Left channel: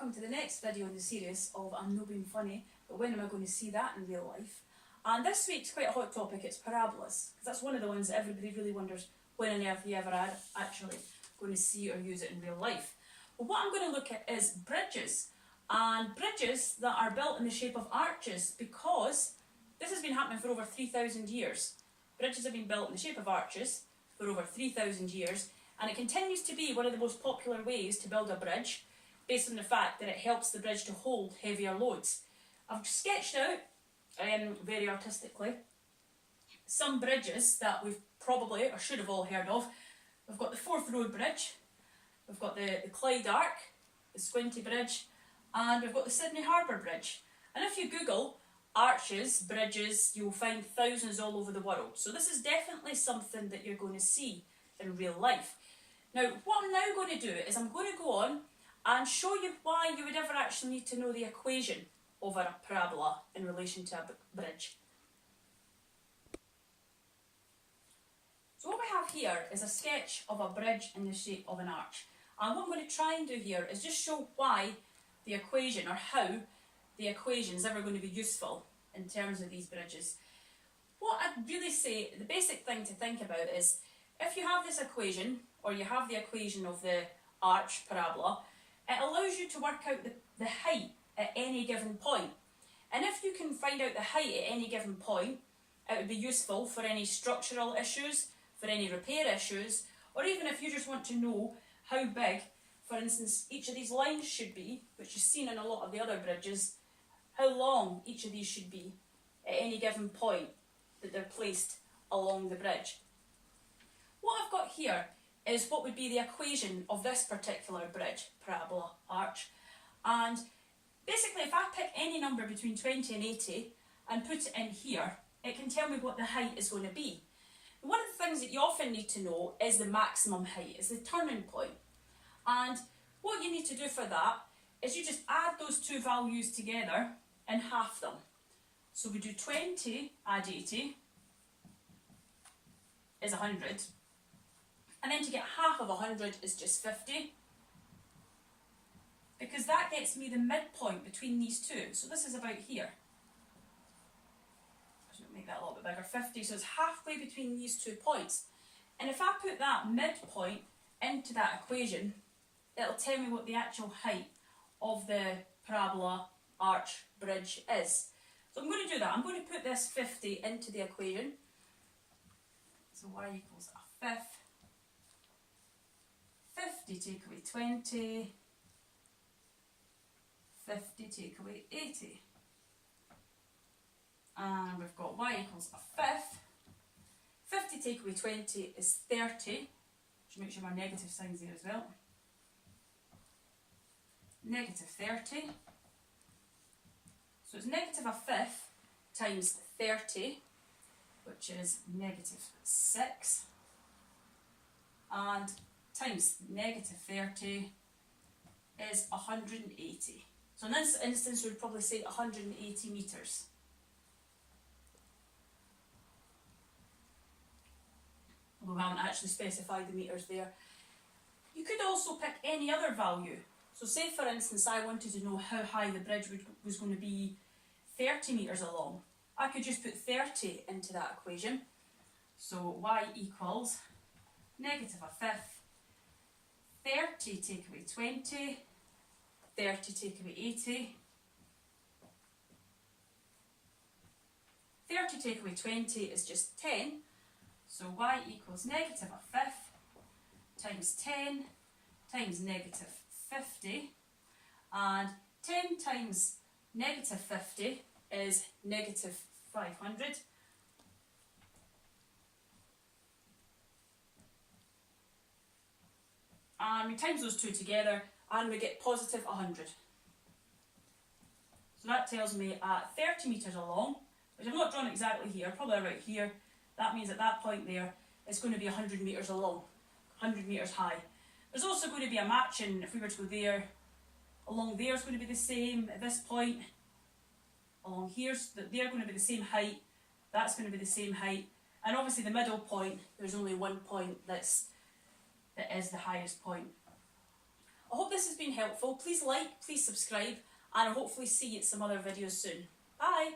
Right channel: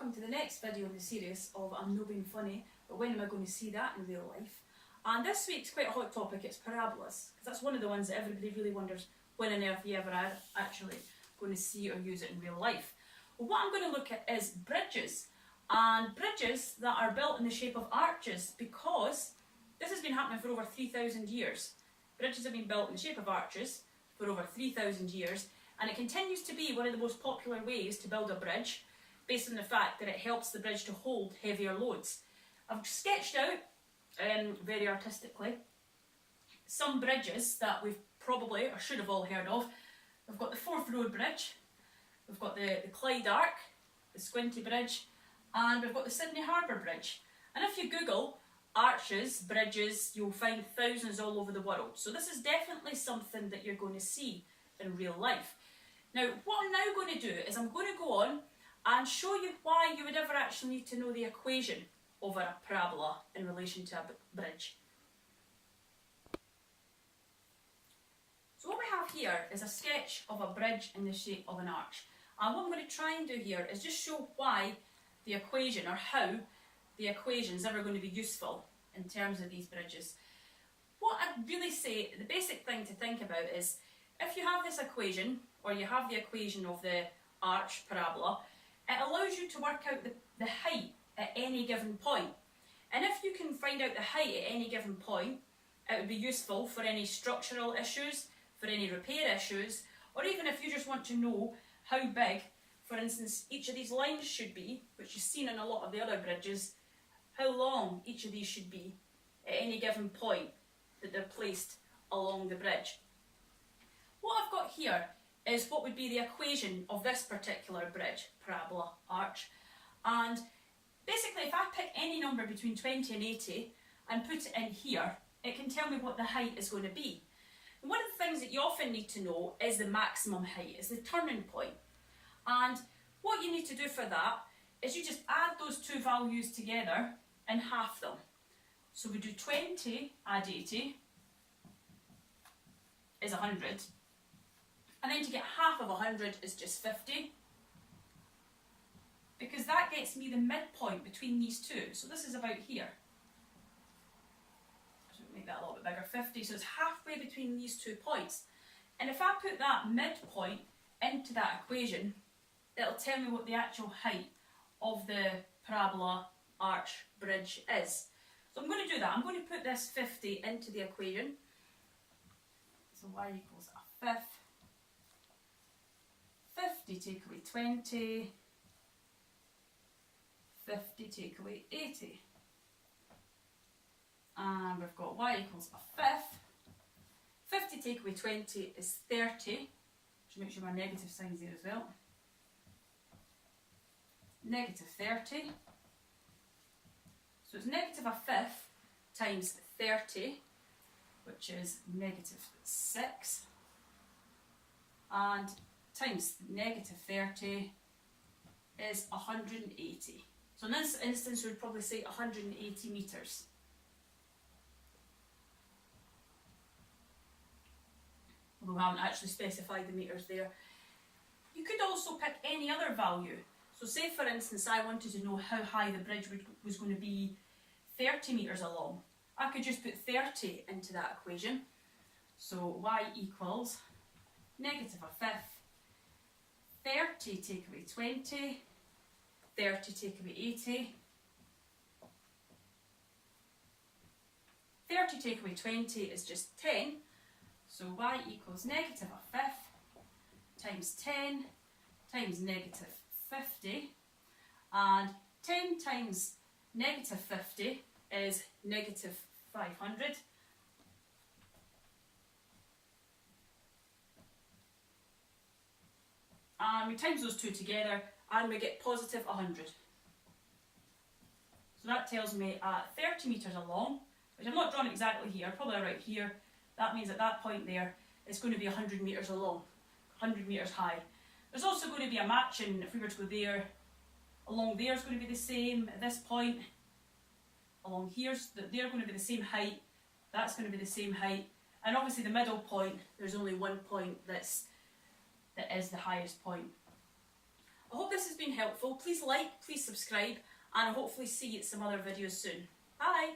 welcome to the next video in the series of I'm No Being Funny, but when am I going to see that in real life? And this week's quite a hot topic, it's parabolas, because that's one of the ones that everybody really wonders when on earth you ever are actually going to see or use it in real life. Well, what I'm going to look at is bridges, and bridges that are built in the shape of arches, because this has been happening for over 3,000 years. Bridges have been built in the shape of arches for over 3,000 years, and it continues to be one of the most popular ways to build a bridge, based on the fact that it helps the bridge to hold heavier loads. I've sketched out, very artistically, some bridges that we've probably, or should have all heard of. We've got the Forth Road Bridge, we've got the Clyde Arc, the Squinty Bridge, and we've got the Sydney Harbour Bridge. And if you Google arches, bridges, you'll find thousands all over the world. So this is definitely something that you're going to see in real life. Now, what I'm now going to do is I'm going to go on and show you why you would ever actually need to know the equation of a parabola in relation to a bridge. So what we have here is a sketch of a bridge in the shape of an arch. And what I'm going to try and do here is just show why the equation, or how the equation is ever going to be useful in terms of these bridges. What I'd really say, the basic thing to think about is, if you have this equation, or you have the equation of the arch parabola, it allows you to work out the height at any given point. And if you can find out the height at any given point, it would be useful for any structural issues, for any repair issues, or even if you just want to know how big, for instance, each of these lines should be, which is seen on a lot of the other bridges, how long each of these should be at any given point that they're placed along the bridge. What I've got here is what would be the equation of this particular bridge, parabola, arch. And basically, if I pick any number between 20 and 80 and put it in here, it can tell me what the height is going to be. And one of the things that you often need to know is the maximum height, is the turning point. And what you need to do for that is you just add those two values together and half them. So we do 20 add 80 is 100. And then to get half of 100 is just 50. Because that gets me the midpoint between these two. So this is about here. So make that a little bit bigger, 50. So it's halfway between these 2 points. And if I put that midpoint into that equation, it'll tell me what the actual height of the parabola, arch, bridge is. So I'm going to do that. I'm going to put this 50 into the equation. So y equals a fifth. 50 take away 20, 50 take away 80. And we've got y equals a fifth. 50 take away 20 is 30. Should make sure my negative sign's there as well. Negative 30. So it's negative a fifth times 30, which is negative 6. And times negative 30 is 180. So in this instance, we'd probably say 180 metres. Although we haven't actually specified the metres there. You could also pick any other value. So say for instance, I wanted to know how high the bridge was going to be 30 metres along. I could just put 30 into that equation. So y equals negative a fifth, 30 take away 20, 30 take away 80, 30 take away 20 is just 10, so y equals negative a fifth times 10 times negative 50, and 10 times negative 50 is negative 500. And we times those two together and we get positive 100. So that tells me at 30 metres along, which I've not drawn exactly here, probably right here, that means at that point there it's going to be 100 metres along, 100 metres high. There's also going to be a matching, if we were to go there, along there is going to be the same at this point, along here, so they're going to be the same height, that's going to be the same height, and obviously the middle point, there's only one point that is the highest point. I hope this this has been helpful. Please like, please subscribe, and I'll hopefully see you at some other videos soon. Bye!